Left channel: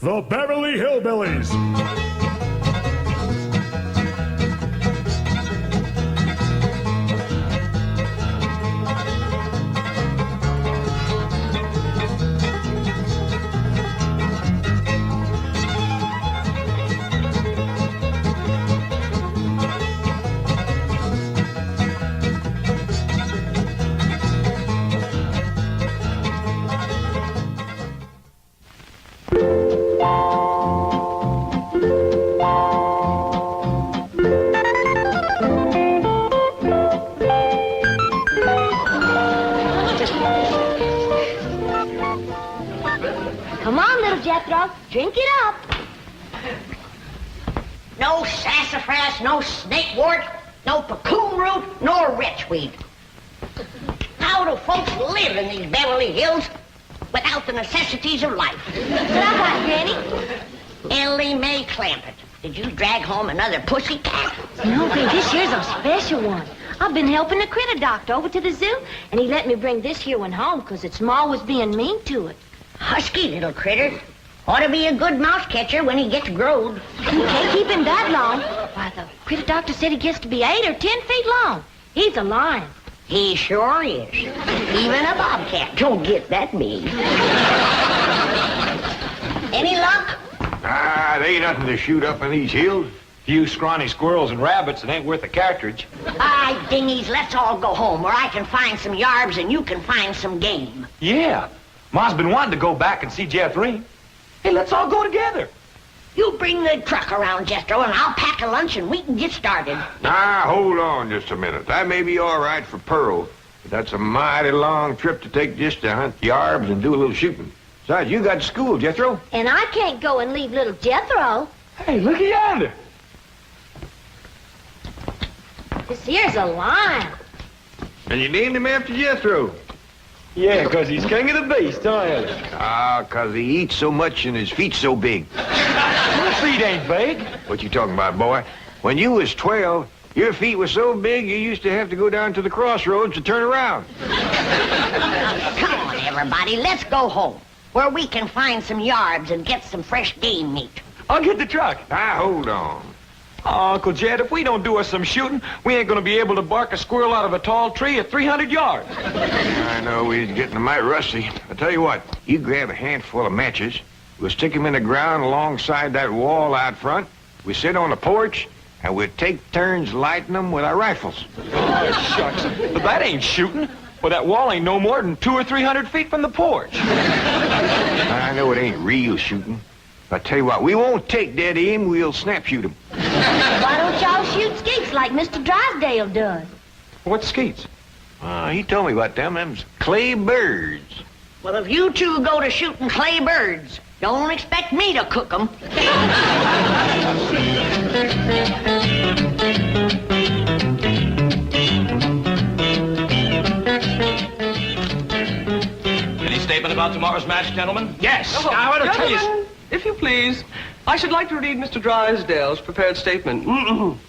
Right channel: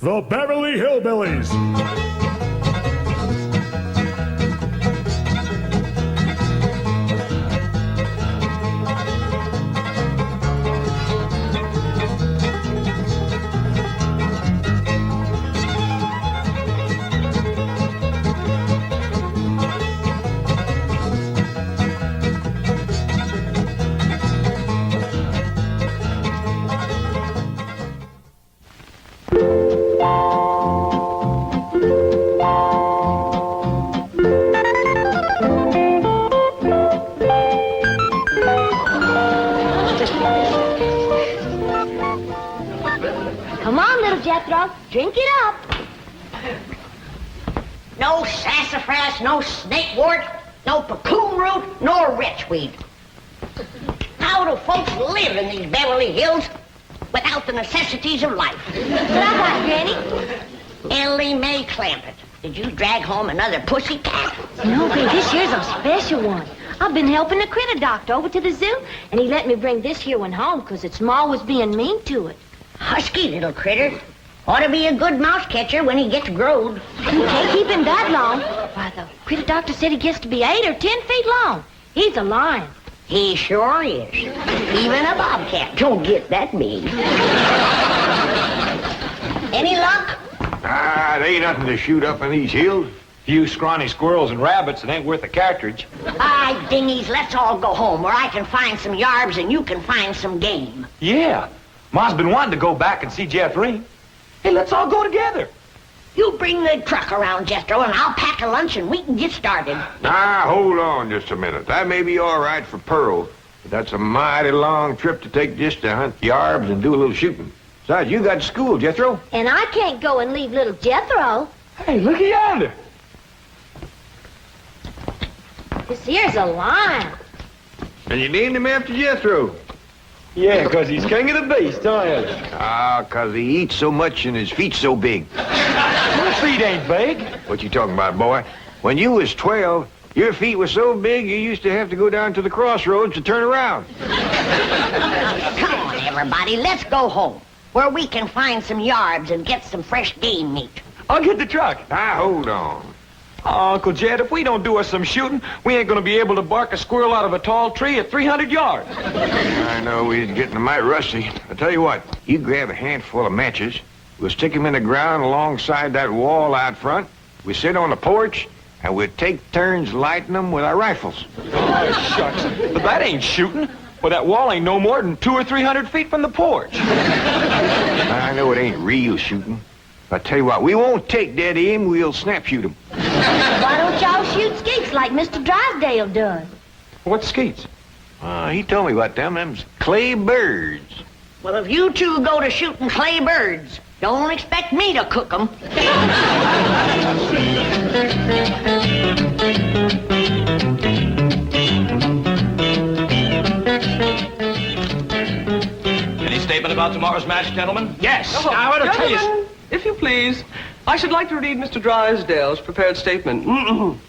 the Beverly Hillbillies. Come on, little Jethro. Drink it up. No sassafras, no snakewort, no cocoon root, nor wretchweed. How do folks live in these Beverly Hills without the necessities of life? What I got, Granny? Ellie Mae Clampett, did you drag home another pussy cat? No, babe, this here's a special one. I've been helping the critter doctor over to the zoo, and he let me bring this here one home because its ma was being mean to it. Husky little critter. Ought to be a good mouse catcher when he gets growed. You can't keep him that long. Why, the critter doctor said he gets to be 8 or 10 feet long. He's a lion. He sure is. Even a bobcat don't get that big. Any luck? Ah, there ain't nothing to shoot up in these hills. Few scrawny squirrels and rabbits, it ain't worth a cartridge. Aye, dingies, let's all go home where I can find some yarbs and you can find some game. Yeah. Ma's been wanting to go back and see Jeff Ring. Hey, let's all go together. You bring the truck around, Jethro, and I'll pack a lunch and we can get started. Now, hold on just a minute. That may be all right for Pearl, but that's a mighty long trip to take just to hunt yarbs and do a little shooting. Besides, you got school, Jethro. And I can't go and leave little Jethro. Hey, look yonder. This here's a lion. And you named him after Jethro. Yeah, 'cause he's king of the beast, aren't he? Ah, 'cause he eats so much and his feet so big. Your feet ain't big. What you talking about, boy? When you was 12, your feet were so big you used to have to go down to the crossroads to turn around. Come on, everybody, let's go home where we can find some yarbs and get some fresh game meat. I'll get the truck. Now, hold on. Oh, Uncle Jed, if we don't do us some shooting, we ain't gonna be able to bark a squirrel out of a tall tree at 300 yards. I know we're getting mighty rusty. I tell you what, you grab a handful of matches, we'll stick them in the ground alongside that wall out front, we sit on the porch, and we'll take turns lighting them with our rifles. Oh, shucks. But that ain't shooting. Well, that wall ain't no more than 200 or 300 feet from the porch. I know it ain't real shooting. I tell you what, we won't take dead aim, we'll snap shoot them. Why don't y'all shoot skeets like Mr. Drysdale does? What's skeets? He told me about them. Them's clay birds. Well, if you two go to shooting clay birds, don't expect me to cook them. Any statement about tomorrow's match, gentlemen? Yes. Oh, I want to tell you. gentlemen, if you please, I should like to read Mr. Drysdale's prepared statement. Win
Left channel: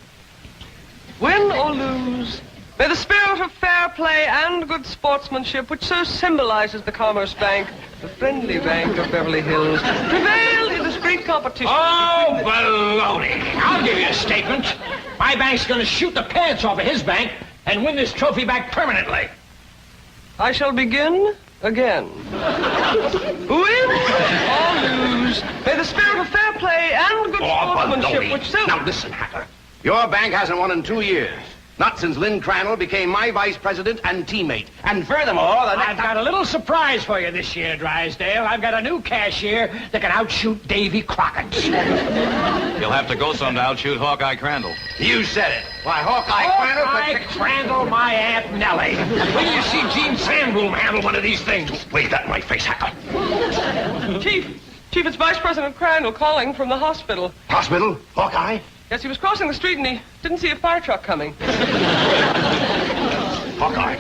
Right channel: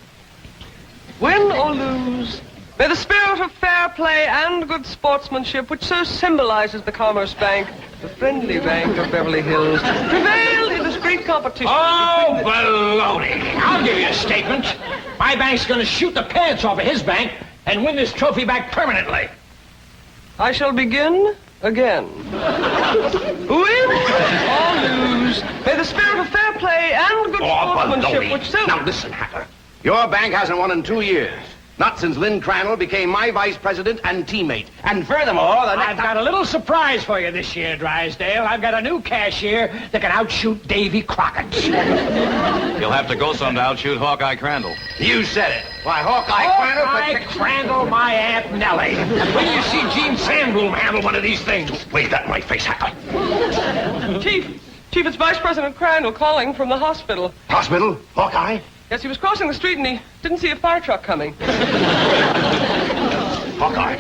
or lose, may the spirit of fair play and good sportsmanship, which so symbolizes the Commerce Bank, the friendly bank of Beverly Hills, prevail in this great competition. Oh, baloney. I'll give you a statement. My bank's going to shoot the pants off of his bank and win this trophy back permanently. I shall begin again. Win or lose, may the spirit of fair play and good sportsmanship, which so... Now listen, Hatter. Your bank hasn't won in 2 years. Not since Lynn Crandall became my vice president and teammate. And furthermore, the I've got a little surprise for you this year, Drysdale. I've got a new cashier that can outshoot Davy Crockett. You'll have to go some to outshoot Hawkeye Crandall. You said it. Why, Hawkeye Crandall... Hawkeye Crandall, my Aunt Nellie. When you see Gene Sandbloom handle one of these things. Wave that in my face, Hatter. Chief, it's Vice President Crandall calling from the hospital. Hospital? Hawkeye? Yes, he was crossing the street and he didn't see a fire truck coming. Hawkeye.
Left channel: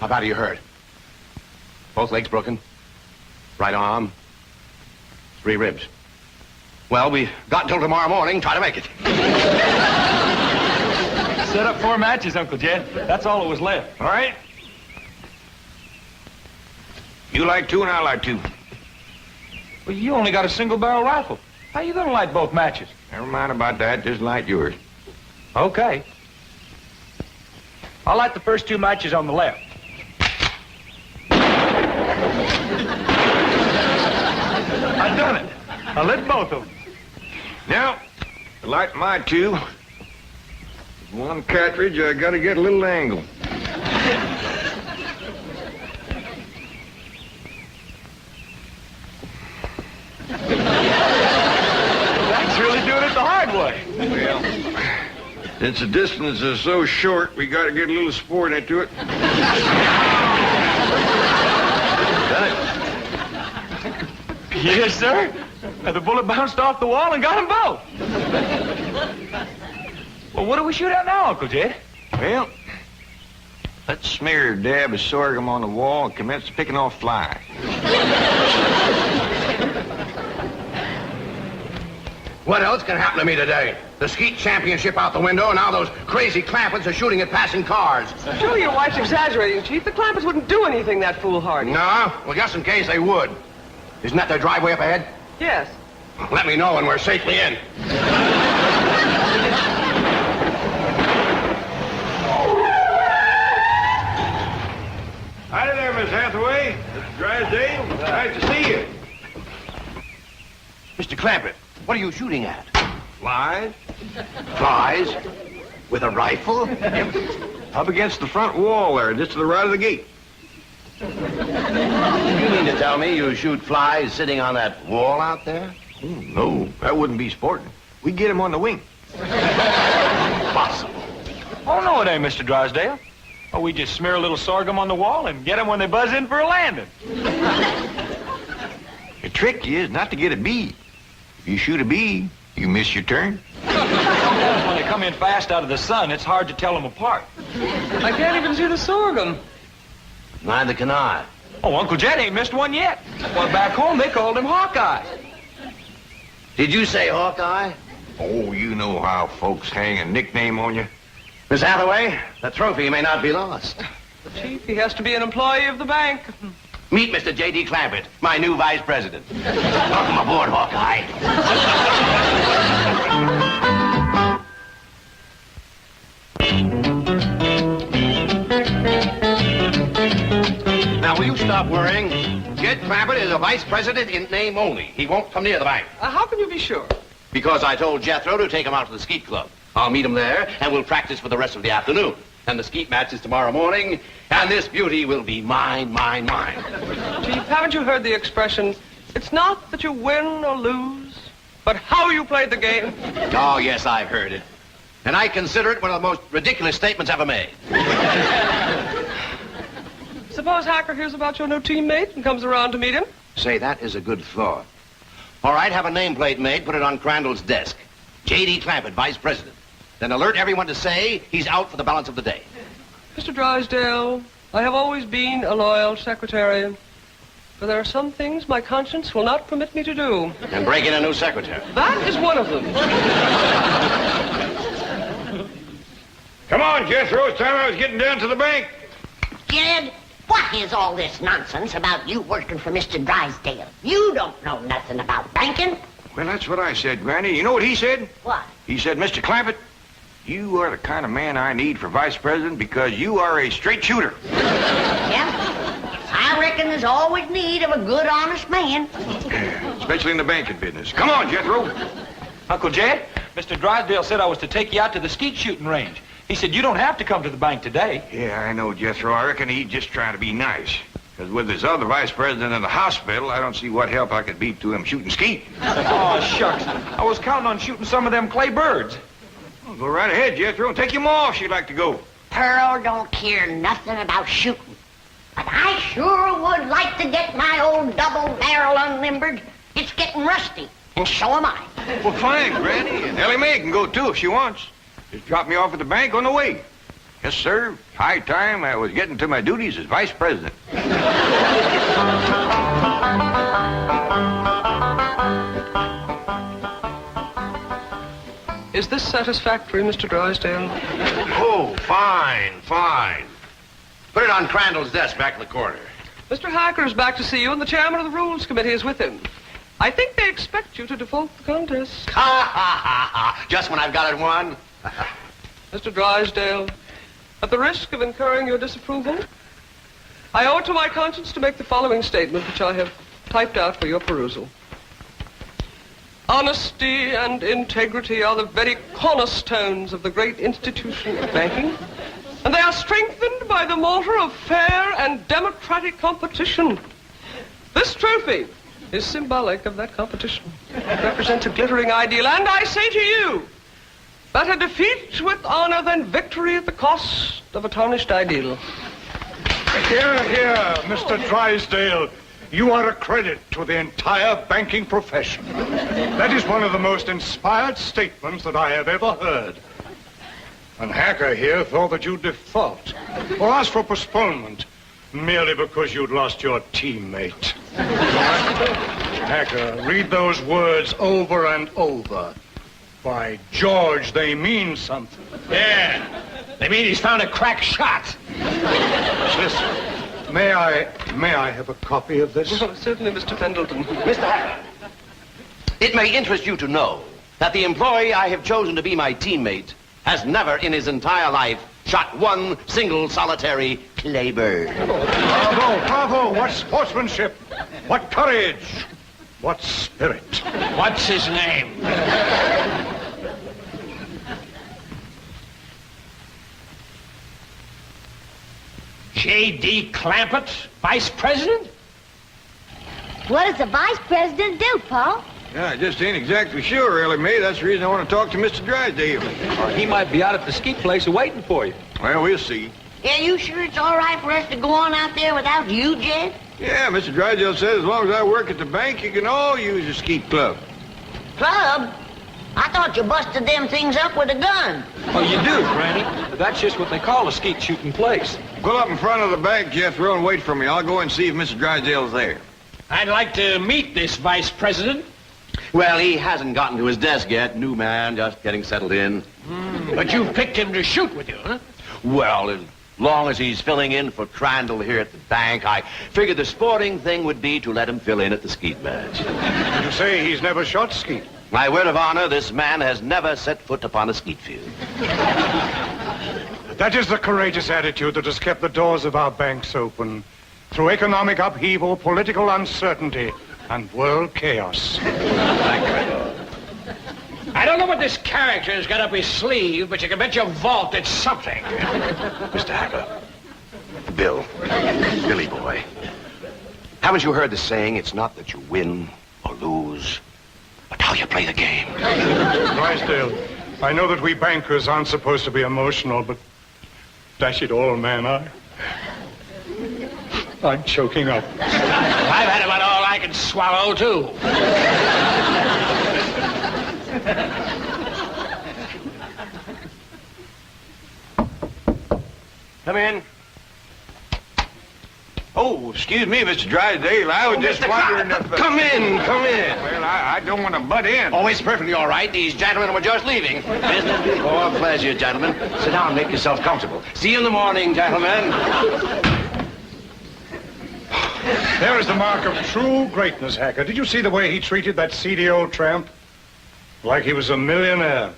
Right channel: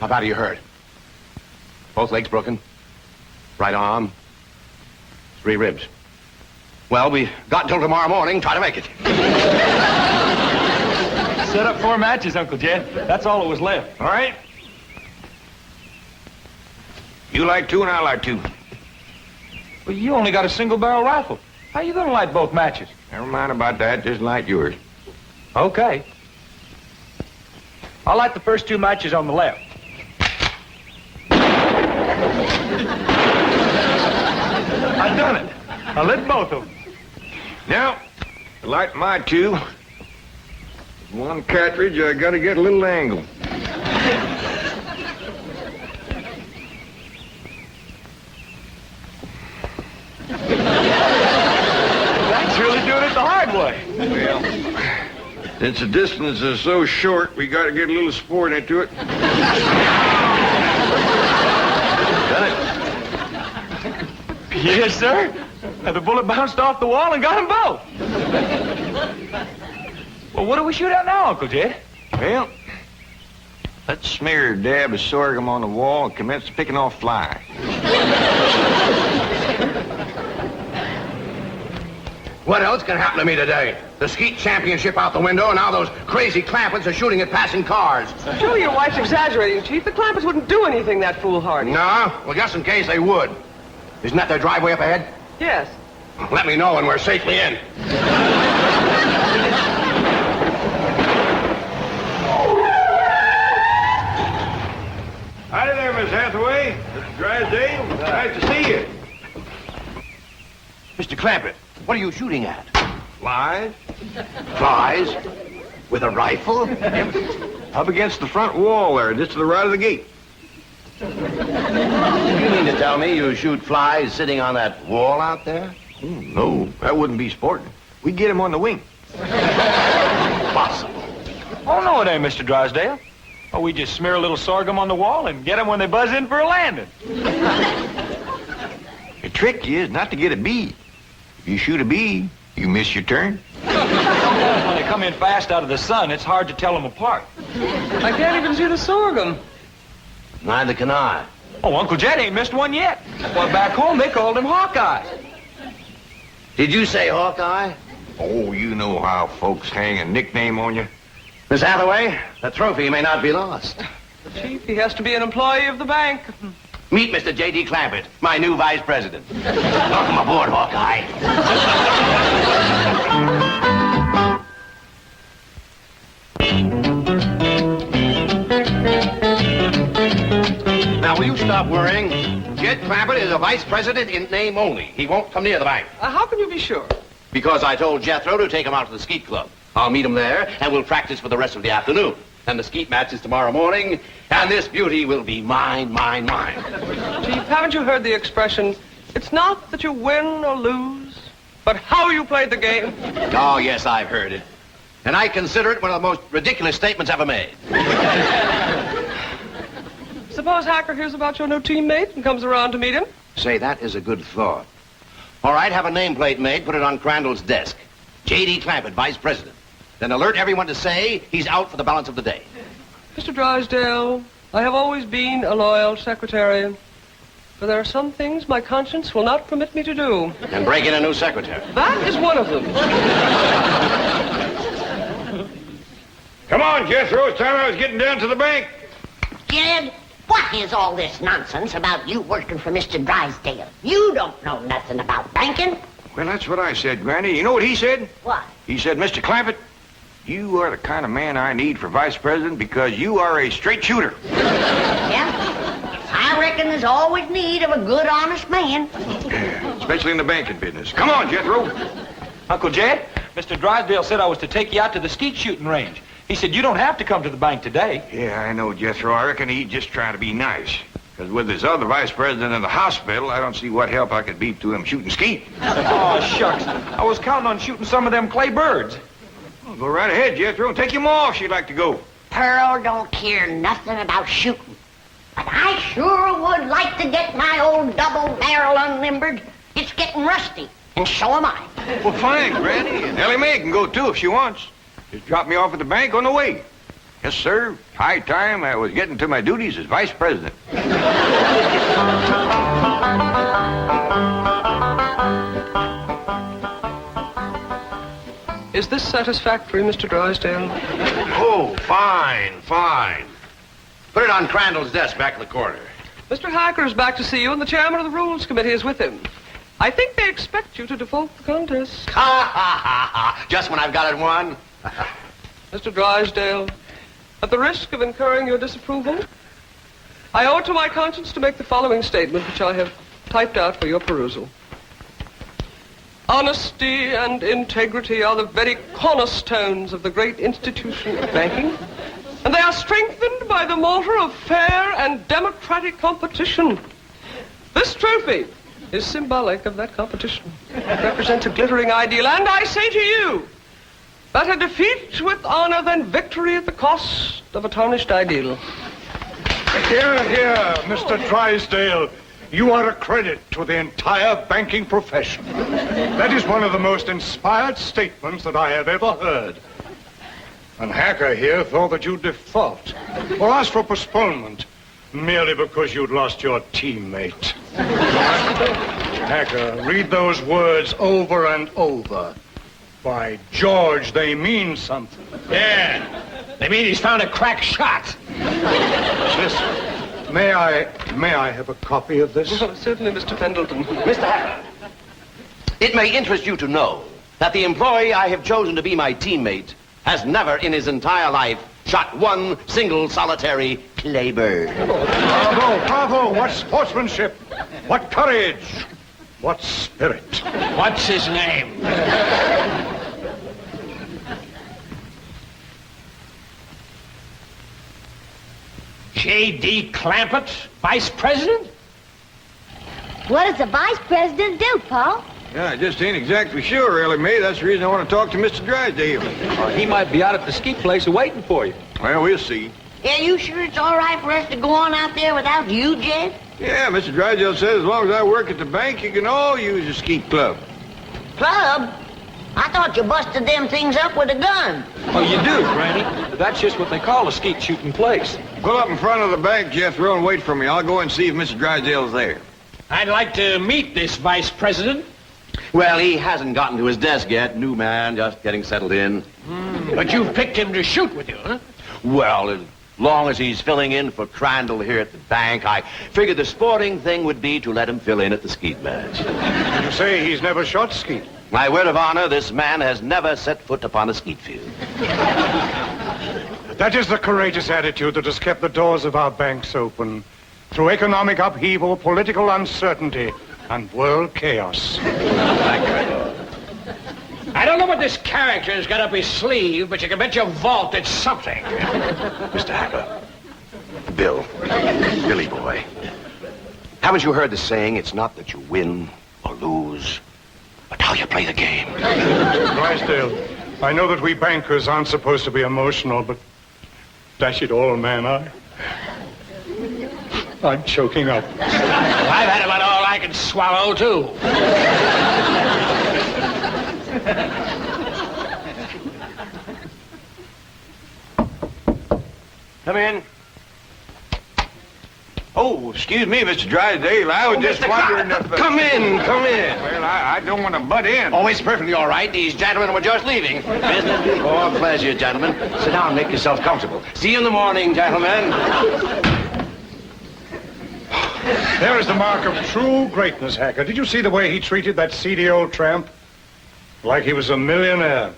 How bad are you hurt? Both legs broken? Right arm? 3 ribs. Well, we got until tomorrow morning. Try to make it. Set up 4 matches, Uncle Jed. That's all that was left. All right? You like 2 and I like 2. Well, you only got a single-barrel rifle. How you gonna light both matches? Never mind about that. Just light yours. Okay. I'll light the first 2 matches on the left. I've done it. I lit both of them. Now, to light my 2. One cartridge, I gotta get a little angle. That's really doing it the hard way. Well, since the distance is so short, we gotta get a little sport into it. Yes, sir. And the bullet bounced off the wall and got them both. Well, what do we shoot at now, Uncle Jed? Well, let's smear a dab of sorghum on the wall and commence picking off flies. What else can happen to me today? The skeet championship out the window, and now those crazy Clampetts are shooting at passing cars. Surely your wife's exaggerating, Chief. The Clampetts wouldn't do anything that foolhardy. No? Well, just in case they would. Isn't that their driveway up ahead? Yes. Let me know when we're safely in. Howdy there, Miss Hathaway. Mr. Drysdale. Nice to see you. Mr. Clampett, what are you shooting at? Flies? Flies? With a rifle? Up against the front wall there, just to the right of the gate. You mean to tell me you shoot flies sitting on that wall out there? Oh, no, that wouldn't be sporting. We get him on the wing. Impossible. Oh, no, it ain't, Mr. Drysdale. Oh, we just smear a little sorghum on the wall and get them when they buzz in for a landing. The trick is not to get a bee. If you shoot a bee, you miss your turn. When they come in fast out of the sun, it's hard to tell them apart. I can't even see the sorghum. Neither can I. Oh, Uncle Jed ain't missed one yet. Well, back home, they called him Hawkeye. Did you say Hawkeye? Oh, you know how folks hang a nickname on you. Miss Hathaway, the trophy may not be lost. Chief, he has to be an employee of the bank. Meet Mr. J.D. Clampett, my new vice president. Welcome aboard, Hawkeye. Now, will you stop worrying? Jed Clampett is a vice president in name only. He won't come near the bank. How can you be sure? Because I told Jethro to take him out to the skeet club. I'll meet him there, and we'll practice for the rest of the afternoon. And the skeet match is tomorrow morning, and this beauty will be mine, mine, mine. Chief, haven't you heard the expression, it's not that you win or lose, but how you played the game? Oh, yes, I've heard it. And I consider it one of the most ridiculous statements ever made. Suppose Hacker hears about your new teammate and comes around to meet him? Say, that is a good thought. All right, have a nameplate made, put it on Crandall's desk. J.D. Clampett, vice president. Then alert everyone to say he's out for the balance of the day. Mr. Drysdale, I have always been a loyal secretary, but there are some things my conscience will not permit me to do. And break in a new secretary. That is one of them. Come on, Jethro. It's time I was getting down to the bank. Jed, what is all this nonsense about you working for Mr. Drysdale? You don't know nothing about banking. Well, that's what I said, Granny. You know what he said? What? He said, Mr. Clampett, you are the kind of man I need for vice president because you are a straight shooter. Yeah? I reckon there's always need of a good, honest man. Especially in the banking business. Come on, Jethro. Uncle Jed, Mr. Drysdale said I was to take you out to the skeet shooting range. He said you don't have to come to the bank today. Yeah, I know, Jethro. I reckon he's just trying to be nice. Because with his other vice president in the hospital, I don't see what help I could be to him shooting skeet. Oh, shucks. I was counting on shooting some of them clay birds. Well, go right ahead, Jethro, and take him off if you'd like to go. Pearl don't care nothing about shooting. But I sure would like to get my old double barrel unlimbered. It's getting rusty, and so am I. Well, fine, Granny. And Ellie Mae can go, too, if she wants. Just drop me off at the bank on the way. Yes, sir. High time I was getting to my duties as vice president. Is this satisfactory, Mr. Drysdale? Oh, fine, fine. Put it on Crandall's desk back in the corner. Mr. Hacker is back to see you, and the chairman of the Rules Committee is with him. I think they expect you to default the contest. Ha ha ha ha! Just when I've got it won. Mr. Drysdale, at the risk of incurring your disapproval, I owe it to my conscience to make the following statement, which I have typed out for your perusal. Honesty and integrity are the very cornerstones of the great institution of banking, and they are strengthened by the mortar of fair and democratic competition. This trophy is symbolic of that competition. It represents a glittering ideal, and I say to you, better defeat with honor than victory at the cost of a tarnished ideal. Here, here, Mr. Drysdale. You are a credit to the entire banking profession. That is one of the most inspired statements that I have ever heard. And Hacker here thought that you'd default or ask for postponement merely because you'd lost your teammate. Hacker, read those words over and over. By George, they mean something. Yeah. They mean he's found a crack shot. Listen, may I have a copy of this? Oh, certainly, Mr. Pendleton. Mr. Hacker, it may interest you to know that the employee I have chosen to be my teammate has never in his entire life shot one single solitary claybird. Bravo, bravo. What sportsmanship. What courage. What spirit. What's his name? J.D. Clampett, vice president? What does the vice president do, Paul? Yeah, I just ain't exactly sure, really, mate. That's the reason I want to talk to Mr. Drysdale. He might be out at the ski place waiting for you. Well, we'll see. Yeah, you sure it's all right for us to go on out there without you, Jed? Yeah, Mr. Drysdale says as long as I work at the bank, you can all use the skeet club. Club? I thought you busted them things up with a gun. Oh, you do, Granny. That's just what they call a skeet shooting place. Pull up in front of the bank, Jethro, and wait for me. I'll go and see if Mr. Drysdale's there. I'd like to meet this vice president. Well, he hasn't gotten to his desk yet. New man, just getting settled in. But you've picked him to shoot with you, huh? Well, as long as he's filling in for Crandall here at the bank, I figured the sporting thing would be to let him fill in at the skeet match. Did you say he's never shot skeet? My word of honor, this man has never set foot upon a skeet field. That is the courageous attitude that has kept the doors of our banks open through economic upheaval, political uncertainty, and world chaos. I don't know what this character's got up his sleeve, but you can bet your vault it's something. Mr. Hacker, Billy boy, haven't you heard the saying, it's not that you win or lose, but how you play the game? Drysdale, I know that we bankers aren't supposed to be emotional, but dash it all, man, I'm choking up. I've had about all I can swallow, too. Come in. Oh, excuse me, Mr. Drysdale. I was just wondering if... Come in. Well, I don't want to butt in. Oh, it's perfectly all right. These gentlemen were just leaving. Business before pleasure, gentlemen. Sit down and make yourself comfortable. See you in the morning, gentlemen. There is the mark of true greatness, Hacker. Did you see the way he treated that seedy old tramp? Like he was a millionaire.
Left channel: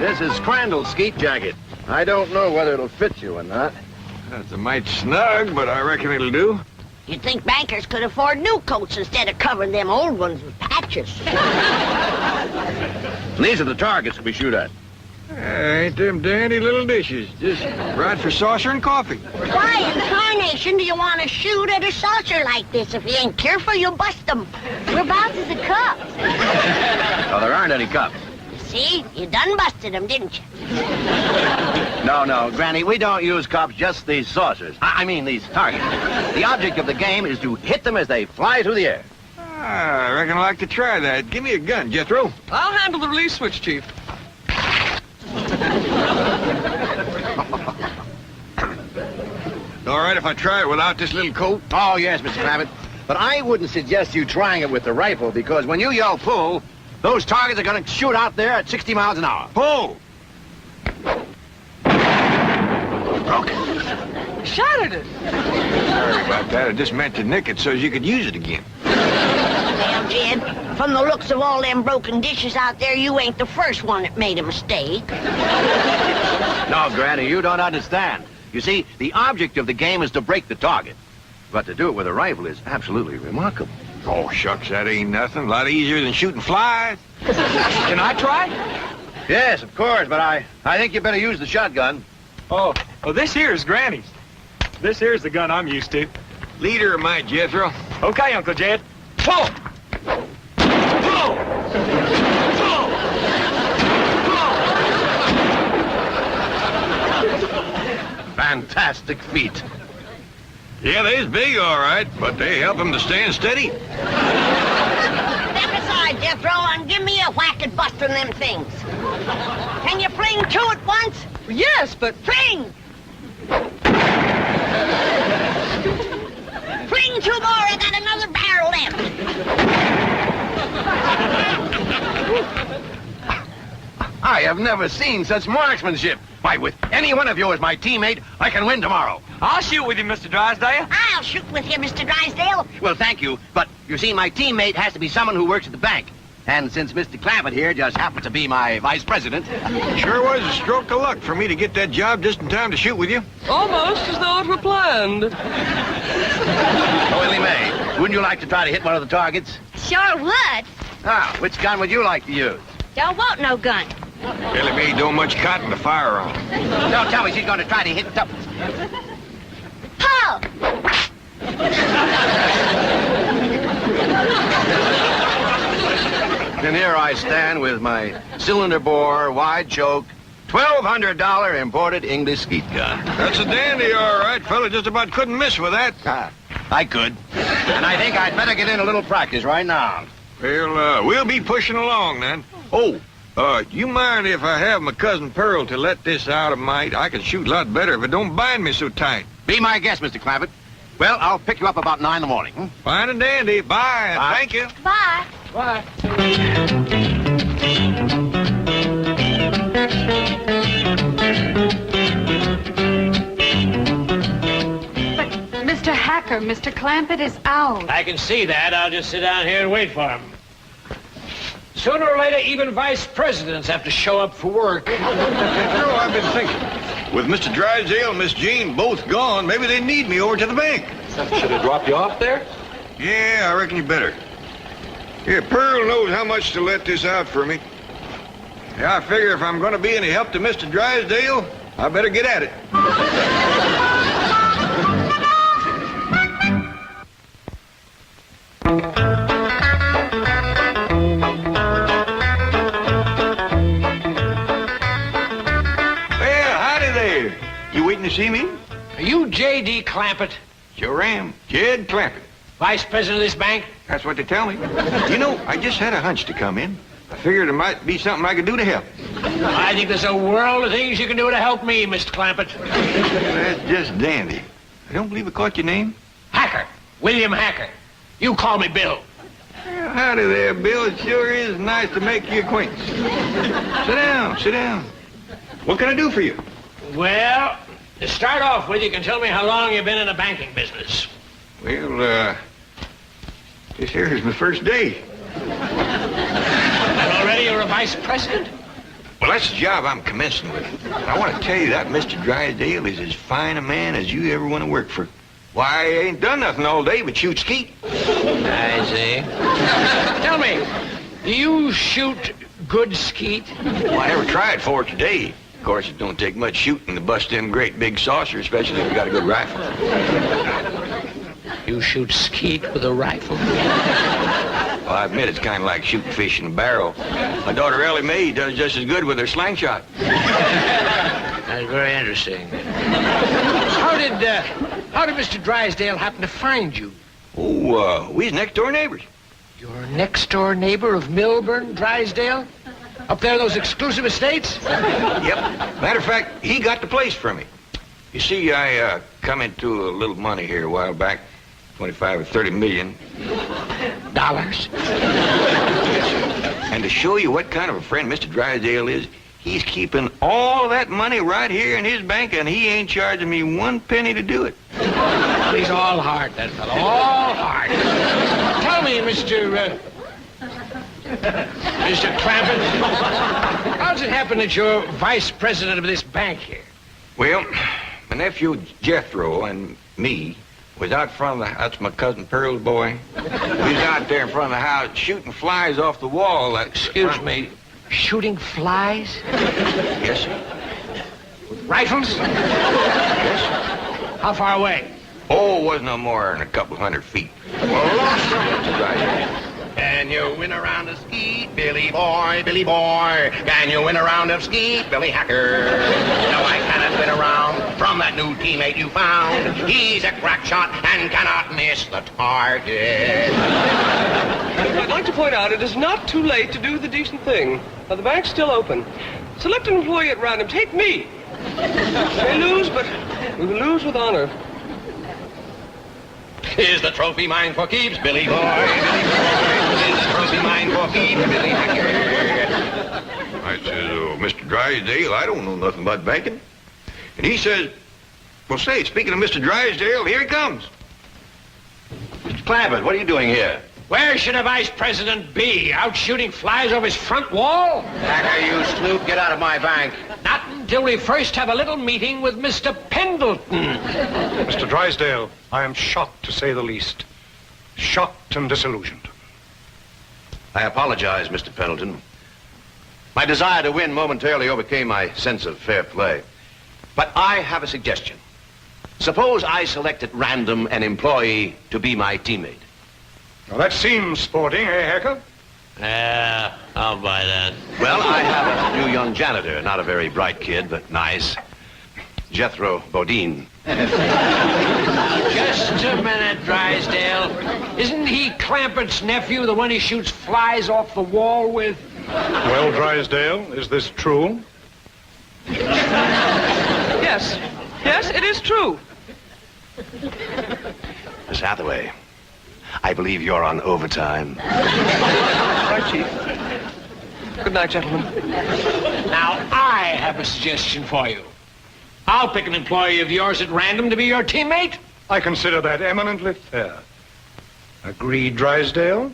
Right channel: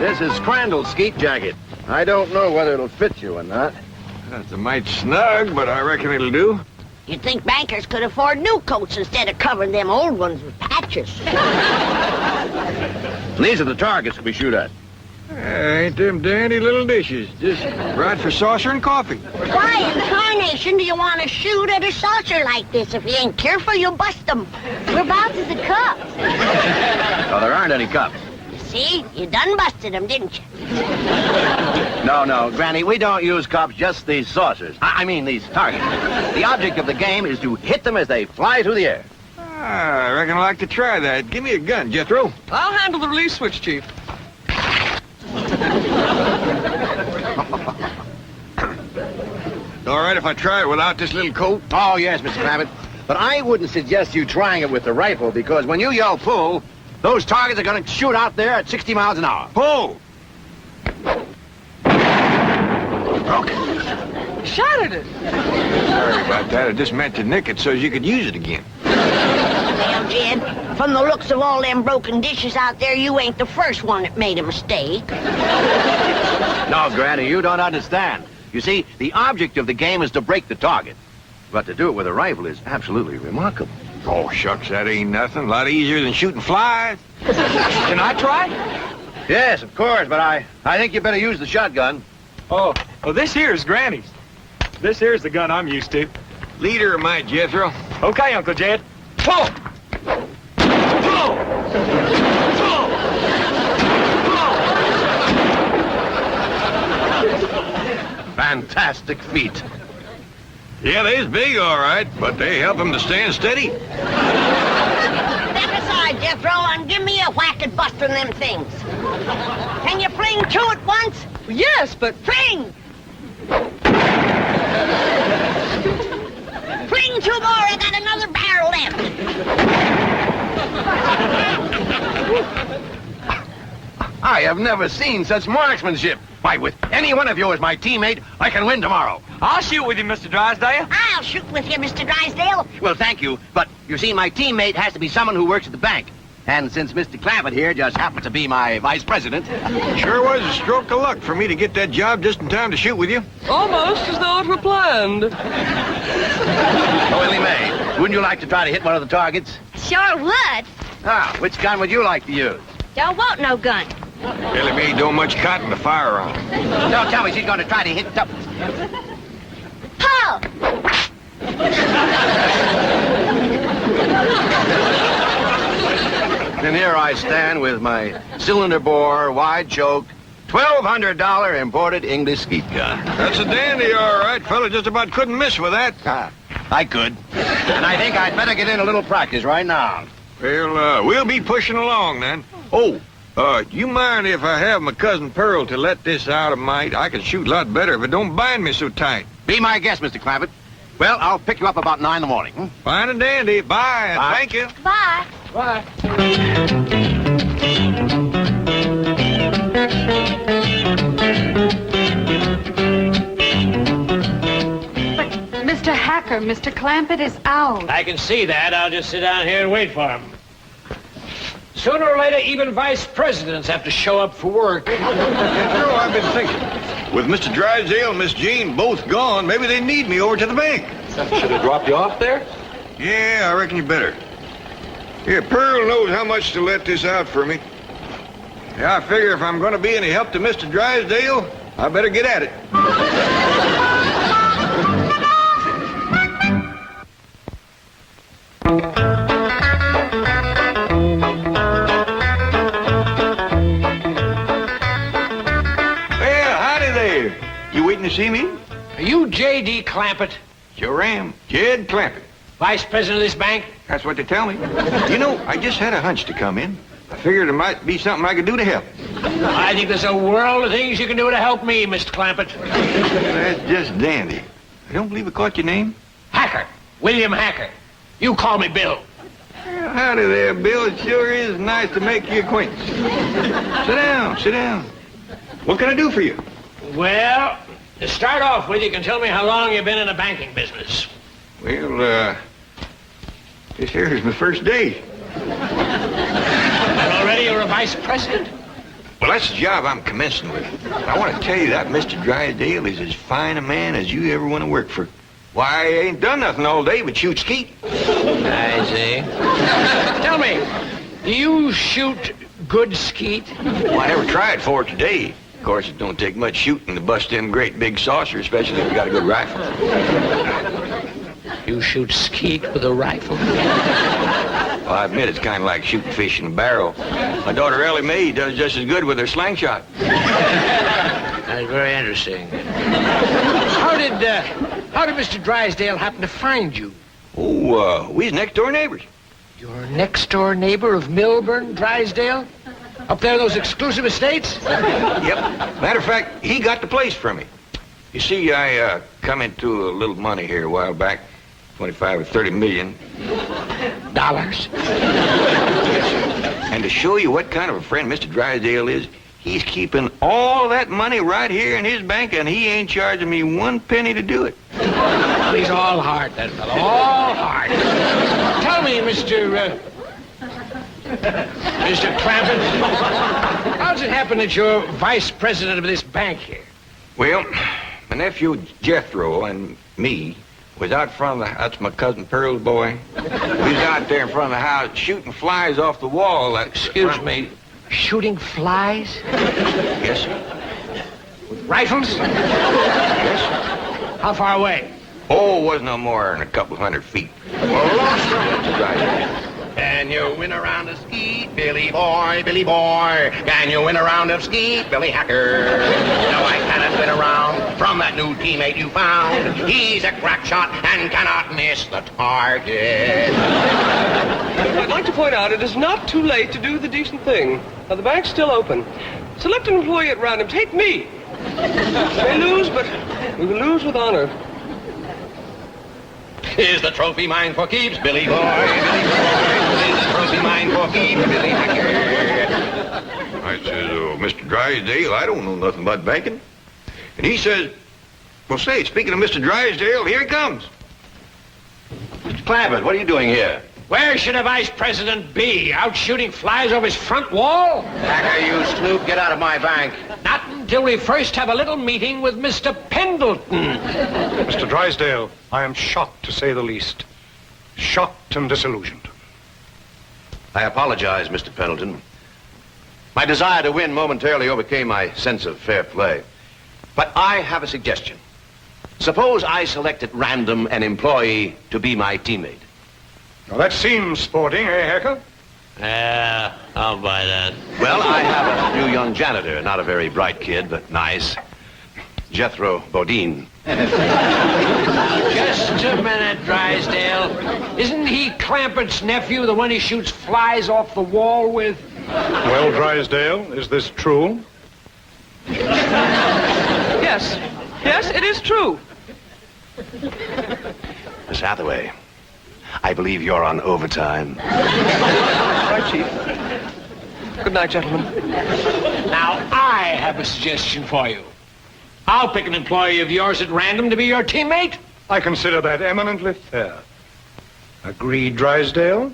This is Crandall's skeet jacket. I don't know whether it'll fit you or not. That's a mite snug, but I reckon it'll do. You'd think bankers could afford new coats instead of covering them old ones with patches. These are the targets we shoot at. Ain't them dandy little dishes. Just right for saucer and coffee. Why in tarnation do you want to shoot at a saucer like this? If you ain't careful, you'll bust them. Whereabouts is the cup? Oh, there aren't any cups. See? You done busted them, didn't you? No, Granny, we don't use cups, just these saucers. I mean these targets. The object of the game is to hit them as they fly through the air. I reckon I'd like to try that. Give me a gun, Jethro. I'll handle the release switch, Chief. All right if I try it without this little coat? Oh, yes, Mr. Clampett. But I wouldn't suggest you trying it with the rifle, because when you yell pull, those targets are going to shoot out there at 60 miles an hour. Pull! shattered it. Sorry about that. I just meant to nick it so you could use it again. Well, Jed, from the looks of all them broken dishes out there, you ain't the first one that made a mistake. No, Granny, you don't understand. You see, the object of the game is to break the target. But to do it with a rifle is absolutely remarkable. Oh, shucks, that ain't nothing. A lot easier than shooting flies. Can I try? Yes, of course, but I think you better use the shotgun. Oh, well, this here's Granny's. This here's the gun I'm used to. Leader of my Jethro. Okay, Uncle Jed. Pull! Pull! Pull! Fantastic feat. Yeah, they's big, all right, but they help him to stand steady. Step aside, Jethro, and give me a whack at busting them things. Can you fling two at once? Yes, but Fling! Fling two more, I got another barrel left. I have never seen such marksmanship. Why, with any one of you as my teammate, I can win tomorrow. I'll shoot with you, Mr. Drysdale. I'll shoot with you, Mr. Drysdale. Well, thank you, but you see, my teammate has to be someone who works at the bank. And since Mr. Clampett here just happens to be my vice president... Sure was a stroke of luck for me to get that job just in time to shoot with you. almost as though it were planned. Oh, Willie Mae, wouldn't you like to try to hit one of the targets? Sure would. Ah, which gun would you like to use? Don't want no gun. Billy Mae don't much cotton to fire on. Don't tell me she's going to try to hit the... Pull! And here I stand with my cylinder bore, wide choke, $1,200 imported English skeet gun. That's a dandy, all right. Fella just about couldn't miss with that. Ah, I could. And I think I'd better get in a little practice right now. Well, we'll be pushing along then. Oh, you mind if I have my cousin Pearl to let this out a mite? I can shoot a lot better if it don't bind me so tight. Be my guest, Mr. Clampett. Well, I'll pick you up about 9 in the morning. Hmm? Fine and dandy. Bye. And Bye. thank you. Bye. Bye. Mr. Hacker, Mr. Clampett is out. I can see that. I'll just sit down here and wait for him. Sooner or later, even vice presidents have to show up for work. I've been thinking. With Mr. Drysdale and Miss Jean both gone, maybe they need me over to the bank. Should have dropped you off there? Yeah, I reckon you better. Here, Pearl knows how much to let this out for me. Yeah, I figure if I'm going to be any help to Mr. Drysdale, I better get at it. Well, howdy there. You waiting to see me? Are you J.D. Clampett, Sure am. Jed Clampett. vice president of this bank? That's what they tell me. You know, I just had a hunch to come in. I figured there might be something I could do to help. I think there's a world of things you can do to help me, Mr. Clampett. That's just dandy. I don't believe I caught your name. Hacker. William Hacker. You call me Bill. Well, howdy there, Bill. It sure is nice to make your acquaintance. Sit down, sit down. What can I do for you? Well, to start off with, you can tell me how long you've been in the banking business. Well, this here is my first day. And already you're a vice president? Well, that's the job I'm commencing with. And I want to tell you that Mr. Drysdale is as fine a man as you ever want to work for. Why, I ain't done nothing all day but shoot skeet. I see. Tell me, do you shoot good skeet? Well, I never tried for it today. Of course, it don't take much shooting to bust them great big saucers, especially if you got a good rifle. You shoot skeet with a rifle? Well, I admit it's kind of like shooting fish in a barrel. My daughter Ellie Mae does just as good with her slingshot. That's very interesting. How did Mr. Drysdale happen to find you? Oh, we's next door neighbors. Your next-door neighbor of Milburn, Drysdale? Up there in those exclusive estates? Yep. Matter of fact, he got the place for me. You see, I come into a little money here a while back, 25 or 30 million. Dollars? And to show you what kind of a friend Mr. Drysdale is, He's keeping all that money right here in his bank, and he ain't charging me 1 penny to do it. Well, he's all heart, that fellow. All heart. Tell me, Mr. Clampett, how does it happen that you're vice president of this bank here? Well, my nephew Jethro and me was out front of the... That's my cousin Pearl's boy. We was out there in front of the house shooting flies off the wall. Excuse me, shooting flies? Yes, sir. With rifles? Yes, sir. How far away? Oh, it wasn't no more than a couple 100 feet. Well, right. Can you win a round of skeet, Billy boy, Billy boy? Can you win a round of skeet, Billy Hacker? No, I cannot win a round from that new teammate you found. He's a crack shot and cannot miss the target. I'd like to point out it is not too late to do the decent thing. Now, the bank's still open. Select an employee at random. Take me. We may lose, but we will lose with honor. Is the trophy mine for keeps, Billy boy, Billy boy? Is the trophy mine for keeps, Billy Hacker? I says, Mr. Drysdale, I don't know nothing about banking. And he says, well, say, speaking of Mr. Drysdale, here he comes. Mr. Clampett, what are you doing here? Where should a vice president be? Out shooting flies off his front wall? Hacker, you snoop, get out of my bank. Not until we first have a little meeting with Mr. Pendleton. Mr. Drysdale, I am shocked, to say the least. Shocked and disillusioned. I apologize, Mr. Pendleton. My desire to win momentarily overcame my sense of fair play. But I have a suggestion. Suppose I select at random an employee to be my teammate. Now, that seems sporting, eh, Hacker? Yeah, I'll buy that. Well, I have a new young janitor, not a very bright kid, but nice. Jethro Bodine. Just a minute, Drysdale. Isn't he Clampett's nephew, the one he shoots flies off the wall with? Well, Drysdale, is this true? Yes. Yes, it is true. Miss Hathaway, I believe you're on overtime. Right, Chief. Good night, gentlemen. Now, I have a suggestion for you. I'll pick an employee of yours at random to be your teammate. I consider that eminently fair. Agreed, Drysdale?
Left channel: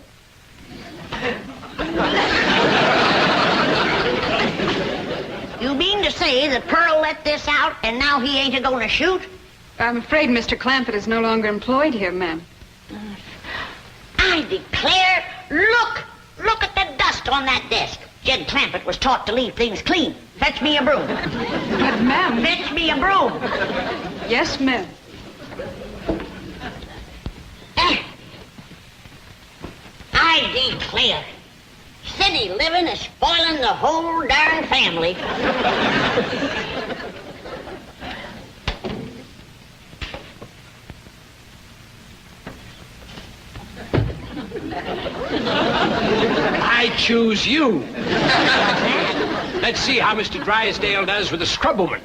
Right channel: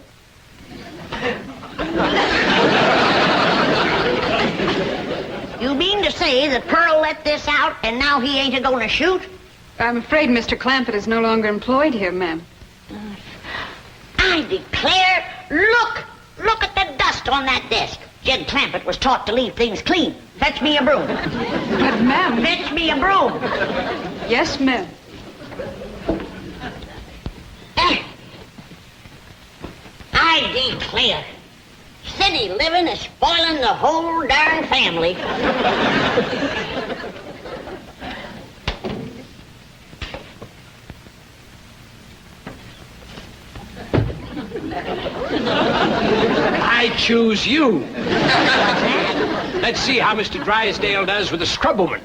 You mean to say that Pearl let this out and now he ain't a-going to shoot? I'm afraid Mr. Clampett is no longer employed here, ma'am. I declare, look at the dust on that desk. Jed Clampett was taught to leave things clean. Fetch me a broom. But, ma'am... Fetch me a broom. Yes, ma'am. I declare, city living is spoiling the whole darn family. I choose you. Let's see how Mr. Drysdale does with the scrubwoman.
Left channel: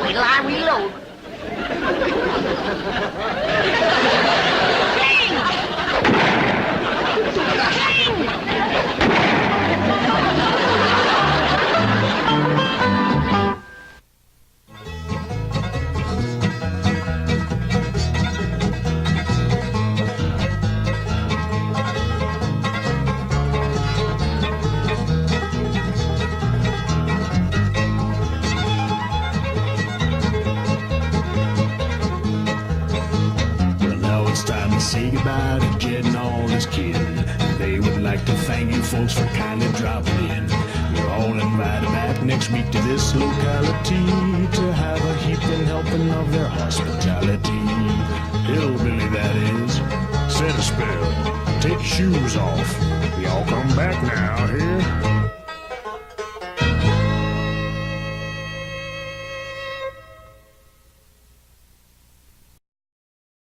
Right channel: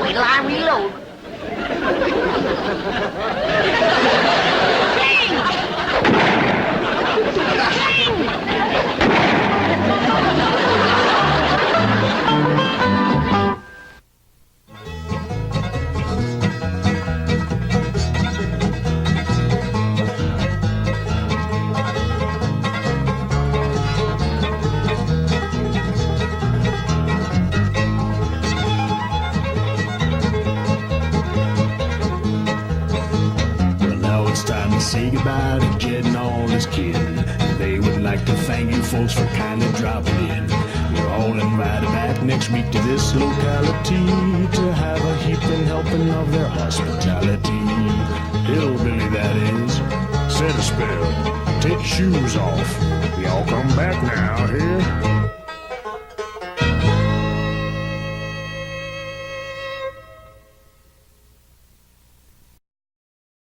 Wait till I reload. Say goodbye to Jed and all his kin. They would like to thank you folks for kindly dropping in. You're all invited back next week to this locality to have a heaping helping of their hospitality. Hillbilly, that is. Set a spell. Take your shoes off. Y'all come back now, here.